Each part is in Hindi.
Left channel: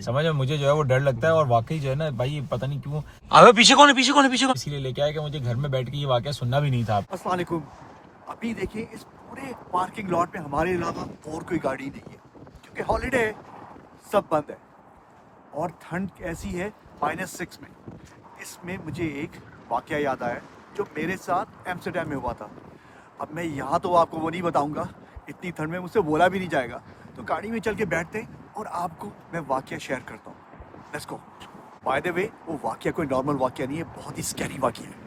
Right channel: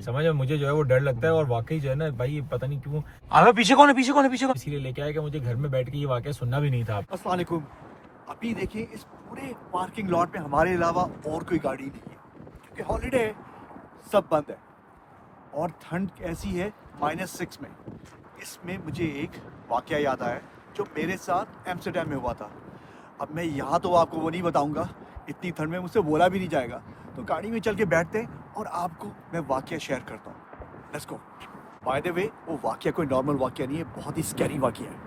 समझ में मुझे जो है वो डर लगता है और वाकई जो है ना भाई पता नहीं क्यों। अबे पीछे कौन है इसीलिए लेके आया कि मुझे घर में बैठ के ये वाकया सुनना भी नहीं था। अस्सलाम वालेकुम। अभी देखिए इस पूरे पार्किंग लॉट में हमारे अलावा और कोई गाड़ी नहीं है क्योंकि हॉलीडे है, सब बंद है और ठंड ऐसी है -6 में। इसमें मुझे एक वाकया याद आया जो मेरे साथ एम्स्टर्डम में हुआ था। अब मैं यहाँ तो आपको वो नहीं बताऊँगा, इतनी ठंड में मुझसे बोला भी नहीं जाएगा, तो गाड़ी में चल के बैठते हैं और आपको मैं वाकया शेयर करता हूँ। Let's go. By the way वो वाकया कोई नॉर्मल वाकया नहीं है, बहुत ही स्कैरी वाकया है।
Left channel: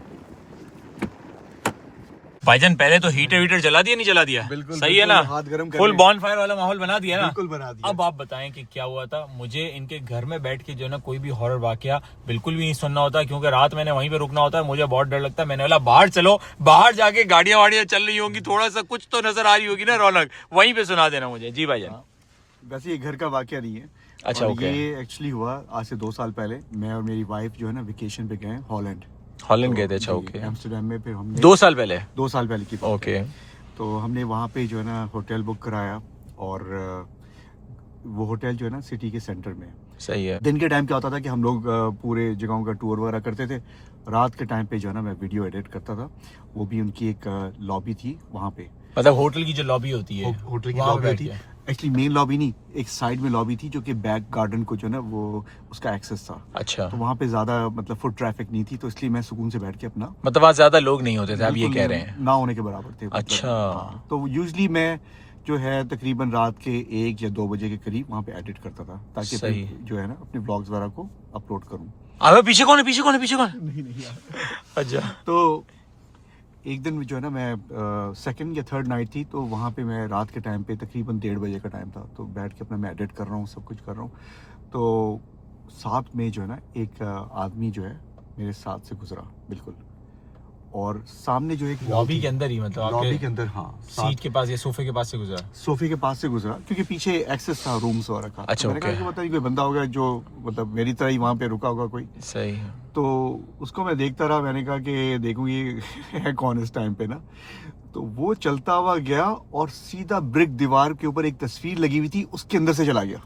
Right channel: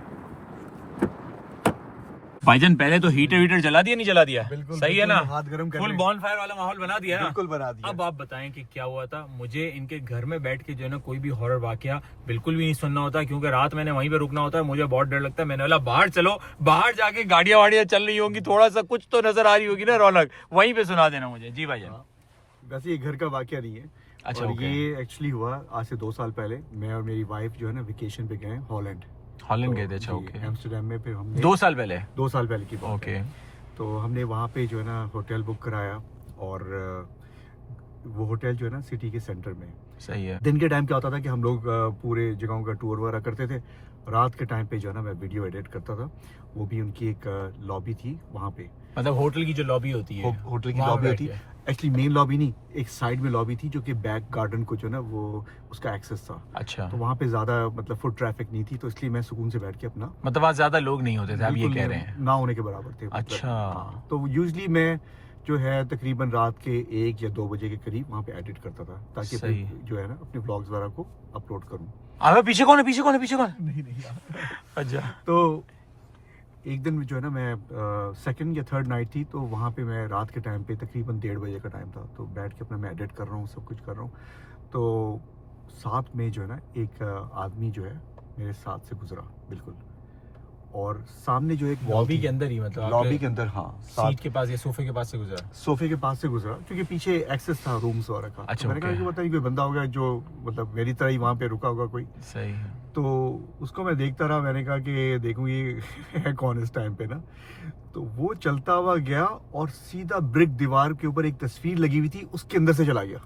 भाईजान पहले तो हीटर जला दिया नहीं जला दिया? बिल्कुल, सही है ना? हाथ गरम कर फुल ले। बॉनफायर वाला माहौल बना दिया ना? बिल्कुल बना दिया। अब आप बताएं कि क्या हुआ था। मुझे इनके घर में बैठ के जो है ना कोई भी हॉरर वाकया बिल्कुल भी नहीं सुनना होता क्योंकि रात मैंने वहीं पे रुकना होता है। मुझे बहुत डर लगता है। मैंने बोला बाहर चलो, बाहर जाके गाड़ियां वाड़ियां चल रही होंगी, थोड़ा सा कुछ तो नजर आ रही होगी ना रौनक, वहीं पे सुना देना मुझे। जी भाईजान। वैसे ये घर का वाकया नहीं है। अच्छा, और ओके। ये एक्चुअली हुआ आज से 2 साल पहले। मैं और मेरी वाइफ जो है ना वेकेशन पे गए हॉलैंड गए थे? अच्छा, ओके। एम्स्टर्डम में फिर हमने 2 साल पहले? 2 साल पहले की बात है। ओके। तो हमने वहाँ पे जो है ना होटल बुक कराया और वो होटल जो है ना सिटी के सेंटर में। सही है। दिन के टाइम क्या होता था कि हम लोग पूरे जगहों का टूर वगैरह करते थे। रात के टाइम पे जो है ना मैं वीडियो एडिट करता था। वो भी उनकी एक लॉबी थी वहाँ पे, मतलब होटल की जो लॉबी होती है होटल की वहाँ पे लॉबी बैठ थी। के? एक्चुअली मेन लॉबी नहीं, एक साइड में लॉबी थी जो कि बैक गार्डन को जो है ना वो उसका एक्सेस था। अच्छा, तो वहाँ पे ज्यादा मतलब फुट ट्रैफिक नहीं थी, तो इसलिए मैं सुकून से बैठ के अपना मतलब वहाँ ज्यादा लोग नहीं होते थे, आप ये बिल्कुल कह रहे हैं? ना होने के बराबर थे मतलब। अच्छा। हाँ, तो यूजली मैं जो है तकरीबन रात के 1 या 2 बजे के करीब वहाँ पे एडिट करता था ताकि सही। अपने जो है ना अपने ब्लॉग्स वगैरह को अपलोड करूँ। अबे पीछे कौन है? नहीं नहीं यार। अच्छा। तो एक दिन जो है ना मैं सेकंड या थर्ड नाइट थी, तो वहाँ पे मैं रात के टाइम पे तकरीबन 1:30 बजे का टाइम था, तो बैठ के अपना मैं एडिट कर रहा हूँ, सब कुछ कर रहा हूँ। तो साथ में जो है ना एक आदमी जो है मेरे साथ से गुजरा बिल्कुल, और सामने जो एक लॉबी के अंदर ही, मतलब लॉबी के आपके अंदर, हाँ, सीट के पास या सोफे के पास से गुजरा? सोफे के पास से गुजरा क्योंकि पीछे एक्सेस था रूम्स वगैरह का। अच्छा, तो मैंने कहा ओके। कि पता नहीं कोई बंदा होगा जो मतलब मेरी तरह ही वहाँ पे रुका होगा कोई। सही है। तो उसको मैं देखता रहा। मैंने कहा कि देखूँ ये है कौन इस टाइम पे ना। तो वो चलता हुआ गया और सीधा ब्रिक दीवार के ऊपर एक तस्वीर लगी हुई थी उसके अंदर से चला गया।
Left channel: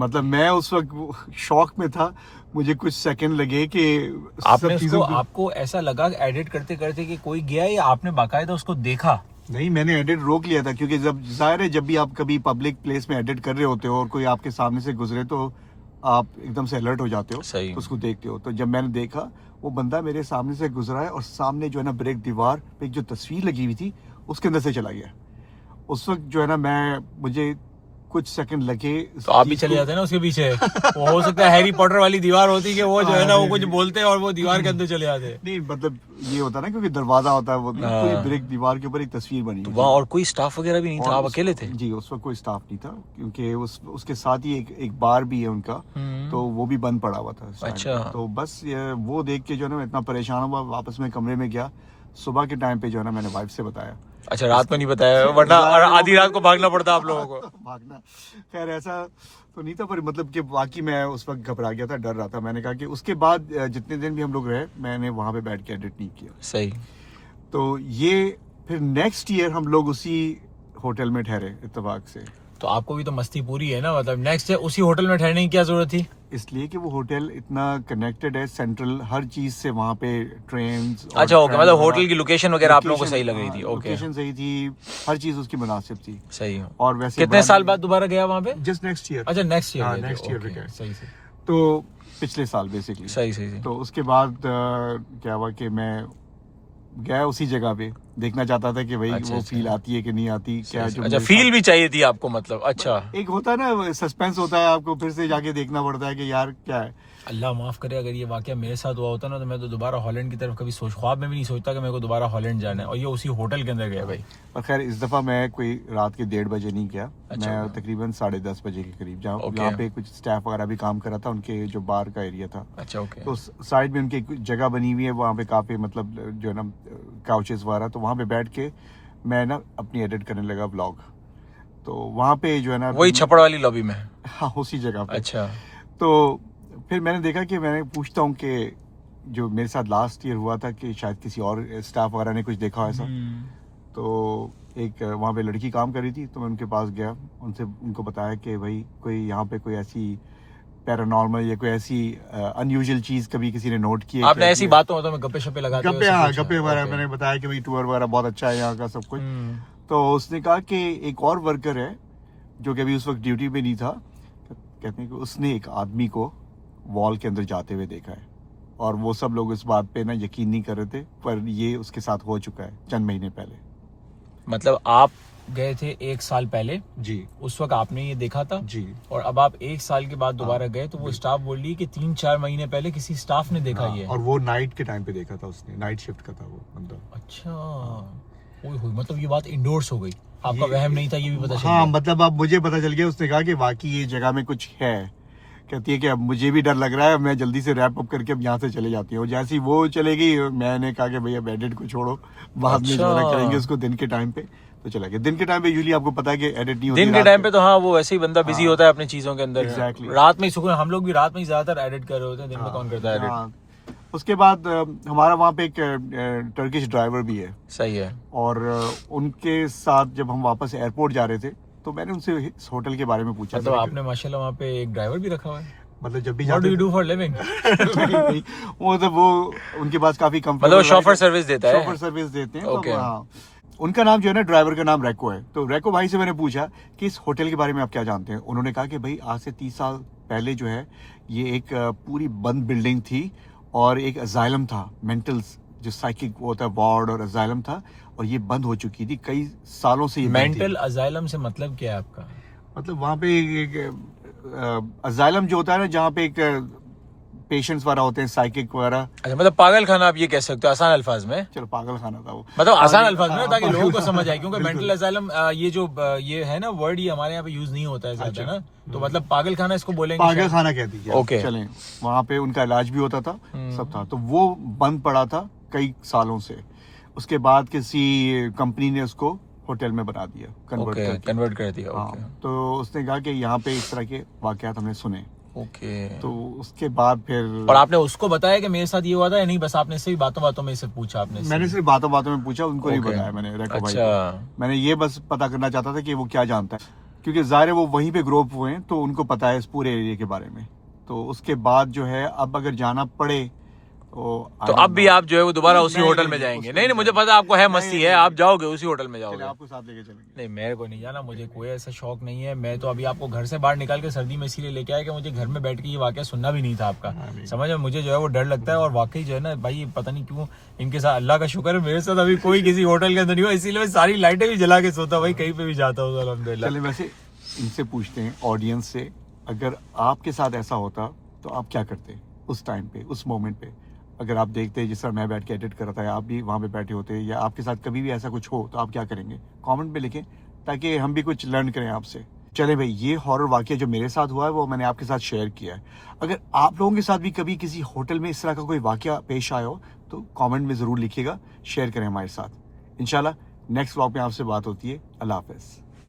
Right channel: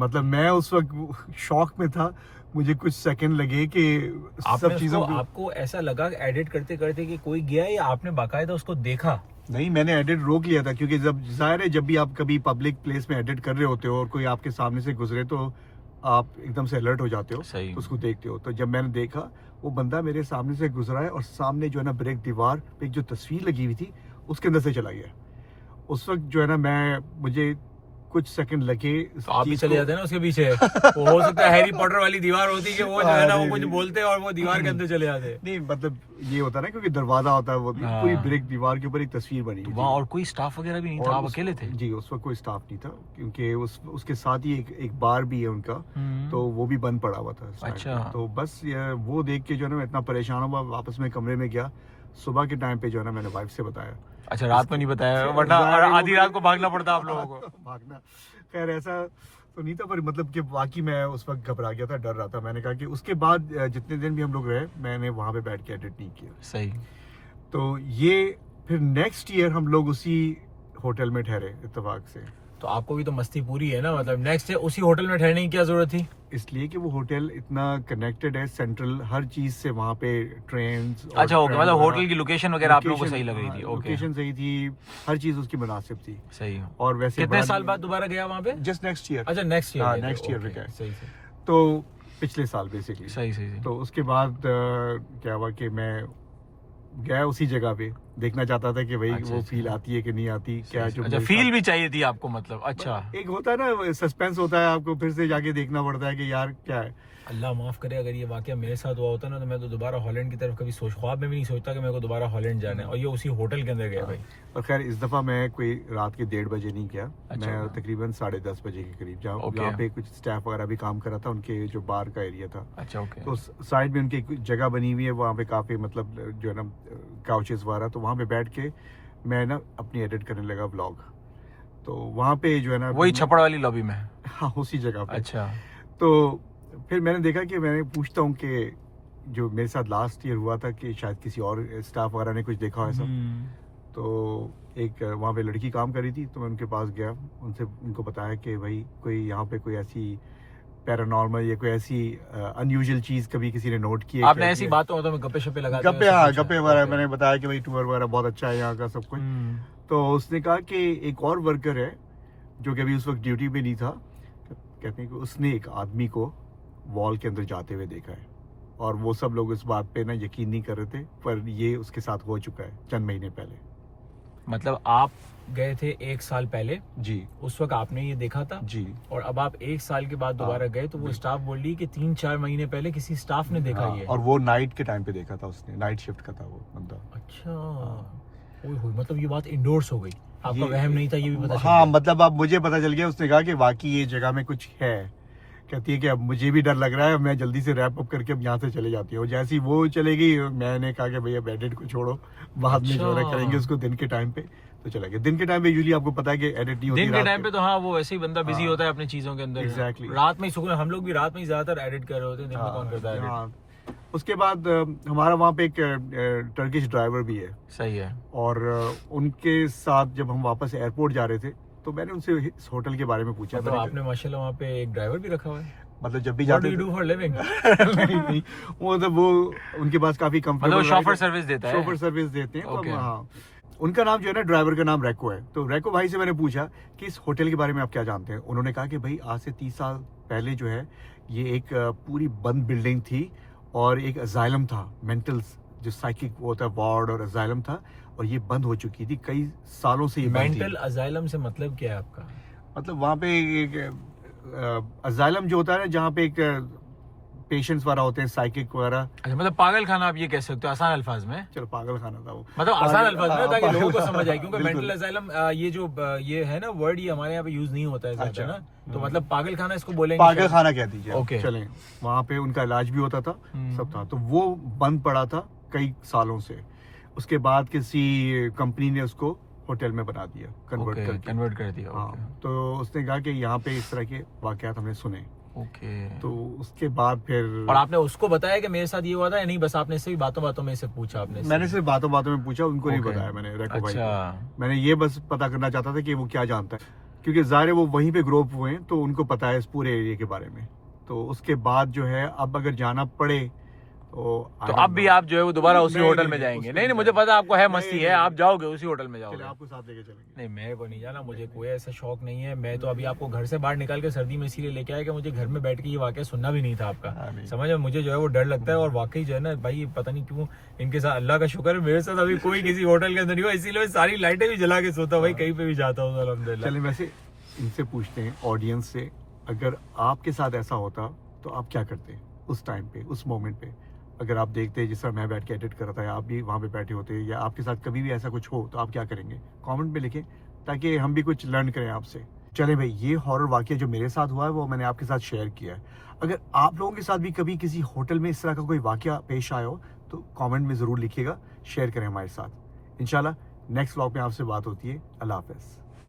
मतलब मैं उस वक्त शॉक में था। मुझे कुछ सेकंड लगे कि आपने सब चीजों उसको, आपको ऐसा लगा एडिट करते करते कि कोई गया या आपने बाकायदा उसको देखा? नहीं, मैंने एडिट रोक लिया था क्योंकि जब जाहिर है जब भी आप कभी पब्लिक प्लेस में एडिट कर रहे होते हो और कोई आपके सामने से गुजरे तो आप एकदम से अलर्ट हो जाते हो। सही। तो उसको देखते हो। तो जब मैंने देखा वो बंदा मेरे सामने से गुजरा है और सामने जो है ना ब्रेक दीवार पे एक जो तस्वीर लगी हुई थी उसके अंदर से चला गया। उस वक्त जो है ना मुझे कुछ सेकंड लगे। तो आप भी चले जाते ना उसके पीछे। वो हो सकता है हैरी पॉटर वाली दीवार होती कि वो जो है ना वो कुछ बोलते और वो दीवार के अंदर चले जाते। नहीं मतलब ये होता ना क्योंकि दरवाजा होता है वो भी, हाँ। पूरी ब्रेक दीवार के ऊपर एक तस्वीर बनी हुई थी। वहाँ और कोई स्टाफ वगैरह भी नहीं था, और आप उस- अकेले थे? जी, उस वक्त कोई स्टाफ नहीं था क्योंकि उसके साथ ही एक बार भी है उनका, तो वो भी बंद पड़ा हुआ था शायद। अच्छा। तो बस वो देख के जो है ना मैं इतना परेशान हुआ, वापस में कमरे में गया। सुबह के टाइम पे जो है ना मैंने वाइफ से बताया। अच्छा, रात में नहीं बताया, वरना आधी रात को भागना पड़ता आप लोगों को। भागना, खैर ऐसा तो नहीं था, पर मतलब कि बाकी मैं उस वक्त घबरा गया था, डर रहा था। मैंने कहा कि उसके बाद जितने दिन भी हम लोग रहे मैंने वहाँ पे बैठ के एडिट नहीं किया। सही। तो ये फिर नेक्स्ट ईयर हम लोग उसी होटल में ठहरे इत्तेफाक से। तो आपको भी तो मस्ती पूरी है ना, मतलब नेक्स्ट है उसी होटल में ठहरने की क्या जरूरत थी? इसलिए कि वो होटल इतना कनेक्टेड है सेंट्रल हर चीज से, वहाँ पे ट्रेन। अच्छा, ओके, मतलब होटल की लोकेशन वगैरह आप लोगों को सही लग रही थी? ओके, लोकेशन सही थी, हर चीज उसकी मुनासिब थी। सही है। और वैसे कितने साल बाद दोबारा गया वहाँ पे? Just next year. अच्छा, next year. Next year okay, सही से। तो पिछले साल बेसिकली। सही। तो उसके बाद क्या हुआ कि मैं गया उसी जगह पे, देखना चाहता था कि भाई वो फील आती है कि नहीं आती, क्या जो अच्छा, फील भी चाहिए थी आपको, मतलब? अच्छा, एक होता है ना सस्पेंस होता है, आपको फिर से जाके देखना पड़ता है कि यार क्या है। अल्लाह माफ करे अगर ये वाकया मेरे साथ हुआ होता ना तो मैं तो दोबारा हॉलैंड की तरफ कभी ख्वाब में भी नहीं सोचता कि मेरे को दोबारा हॉलैंड जाना है, और ये उसी होटल के अंदर गया भाई। और खैर इस दफा मैं कोई रात के 1:30 बजे नहीं गया। अच्छा, मैं तकरीबन 10:30 बजे के करीब, जहाँ पे कुछ स्टाफ वगैरह भी काम कर रहा था, उनके जो बार का एरिया था। अच्छा, ओके। तो साइड में उनकी एक जगह बनी हुई है, वहाँ पे काफी मतलब जो है ना काउचेस वगैरह, तो वहाँ पे बैठ के मैं ना अपनी एडिट करने लगा व्लॉग। तो वहाँ पे जो है ना वही छपड़ वाली लॉबी में? हाँ, उसी जगह पे। अच्छा। तो फिर मैंने देखा कि मैंने पूछता हूँ कि जो मेरे साथ लास्ट ईयर हुआ था कि शायद किसी और स्टाफ वगैरह ने कुछ देखा हो ऐसा। तो एक वहाँ पे लड़की काम कर रही थी, तो मैं उनके पास गया, उनको बताया कि भाई कोई यहाँ पे कोई ऐसी पैरानॉर्मल या कोई ऐसी अनयूजुअल चीज़ कभी किसी ने नोट की है? आपने ऐसी बातों में गप्पे शप्पे लगाते गप्पे, हाँ गप्पे वगैरह मैंने बताया कि भाई टूर वगैरह बहुत अच्छा है यहाँ का सब कुछ। तो उसने कहा कि एक और वर्कर है जो कि अभी उस वक्त ड्यूटी पे नहीं था, कहते हैं कि उसने एक आदमी को वॉल के अंदर जाते हुए देखा है, और वो सब लोग इस बात पे ना यकीन नहीं कर रहे थे, पर ये उसके साथ हो चुका है चंद महीने पहले। मतलब आप गए थे 1 साल पहले जी उस वक्त आपने ये देखा था जी। और अब आप 1 साल के बाद दोबारा गए तो वो स्टाफ बोल रही है कि 3-4 महीने पहले किसी स्टाफ ने देखा ये। और वो नाइट के टाइम पे देखा था उसने, नाइट शिफ्ट का था वो बंदा। अच्छा, ओए होए, मतलब ये बात इंडोर्स हो गई, आपका वहम नहीं था, ये भी पता चल हाँ गया। मतलब अब मुझे पता चल गया, उसने कहा कि वाकई ये जगह में कुछ है। कहती है कि अब मुझे भी डर लग रहा है, मैं जल्दी से रैप अप करके अब यहाँ से चले जाती हूँ। जैसे ही वो चले गई, मैंने कहा कि भैया एडिट को छोड़ो, बाद में जो है करेंगे उसको दिन के टाइम पे। तो चला गया। दिन के टाइम पे यूजुअली आपको पता है कि एडिट नहीं होती दिन के टाइम पे, तो हाँ वो वैसे ही बंदा बिजी होता है अपनी चीजों के अंदर। Exactly. रात में ही सुकून, हम लोग भी रात में ही ज्यादातर एडिट कर रहे होते हैं, दिन में कौन करता है edit? हाँ। उसके बाद हमारा वहाँ पे एक टर्किश ड्राइवर भी है, सही है। और उनके साथ जब हम वापस एयरपोर्ट जा रहे थे तो मैंने उनसे इस होटल के बारे में पूछा। मतलब आपने माशाल्लाह वहाँ पे एक ड्राइवर भी रखा हुआ है? मतलब जब भी What do you do for living? नहीं, वो मतलब वो उनके पास काफी मतलब शॉफर सर्विस देता है? शॉफर सर्विस देते हैं। Okay. तो हाँ, उनका नाम जो है ना, ड्राइवर का नाम रैको है। तो रैको भाई से मैंने पूछा कि इस होटल के बारे में आप क्या जानते हैं। उन्होंने कहा कि भाई आज से 30 साल पहले जो है ये एक पूरी बंद बिल्डिंग थी और एक अजाइलम था, मेंटल जो साइकिक होता है वार्ड और अजाइलम था, और ये बंद हो चुकी थी कई सालों से। ये मेंटल अजाइलम से मतलब क्या है आपका? मतलब वहाँ पे अजाइलम जो होता है ना, जहाँ पे एक पेशेंट्स वगैरह होते हैं, साइकिक वगैरह। अच्छा, मतलब पागल खाना आप ये कह सकते हो आसान अल्फाज में? चलो पागल खाना था वो, मतलब आसान अल्फाज में, ताकि लोगों को समझ आए, क्योंकि मेंटल असाइलम ये जो ये है ना वर्ड, ये हमारे यहाँ पे यूज नहीं होता है ज्यादा ना, तो मतलब पागल खाना इसको बोलेंगे, पागल खाना कहती है। ओके, चलें, वहाँ पे उनका इलाज भी होता था, सब था। तो वो बंद पड़ा था कई सालों से। उसके बाद किसी कंपनी ने उसको होटल में बना दिया, कन्वर्ट कर दिया। हाँ, तो उसने कहा कि यहाँ पे इस तरह के वाकयात हमने सुने। ओके, तो उसके बाद फिर, और आपने उसको बताया कि मेरे साथ ये हुआ था या नहीं? बस आपने इससे बातों बातों में इसे पूछा? मैंने सिर्फ बातों बातों में पूछा, उनको नहीं बताया मैंने रैको भाई को। मैंने ये बस पता करना चाहता था कि वो क्या जानता है, क्योंकि ज़ाहिर है वो वहीं पे ग्रो अप हुए हैं, तो उनको पता है इस पूरे एरिया के बारे में। तो उसके बाद जो है, अब अगर जाना पड़े तो अब भी आप जो है वो दोबारा उसी होटल में जाएंगे? नहीं, मुझे पता आपको है, मस्ती है, आप जाओगे उसी होटल में जाओगे। आपको साथ लेके चलेंगे। नहीं, मेरे को नहीं जाना, मुझे कोई ऐसा शौक नहीं है। मैं तो अभी आपको घर से बाहर निकाल के सर्दी में इसीलिए लेके आया कि मुझे घर में बैठ के ये वाकया सुनना भी नहीं था आपका, समझ में। मुझे जो है वो डर लगता है, और वाकई जो है ना भाई, पता नहीं क्यों इनके साथ, अल्लाह का शुक्र है मेरे साथ अभी कोई किसी होटल के अंदर नहीं हुआ, इसीलिए मैं सारी लाइटें भी जला के सोता भाई, कहीं पे भी जाता हूँ अल्हम्दुलिल्लाह। चलिए, वैसे इनसे पूछते हैं, ऑडियंस से, अगर आपके साथ ऐसा होता तो आप क्या करते उस टाइम पे, उस मोमेंट पे? अगर आप देखते जिस तरह मैं बैठ के एडिट कर रहा था, आप भी वहाँ पे बैठे होते, या आपके साथ कभी भी ऐसा कुछ हो, तो आप क्या करेंगे? कमेंट में लिखें, ताकि हम भी कुछ लर्न करें आपसे। चले भाई, ये हॉरर वाकया जो मेरे साथ हुआ है वो मैंने आपके साथ शेयर किया है। अगर आप लोगों के साथ भी कभी किसी होटल में इस तरह का कोई वाकया पेश आया हो, तो कमेंट में ज़रूर लिखिएगा, शेयर करें हमारे साथ। इंशाल्लाह नेक्स्ट व्लॉग में आपसे बात होती है। अल्लाह हाफ़िज़।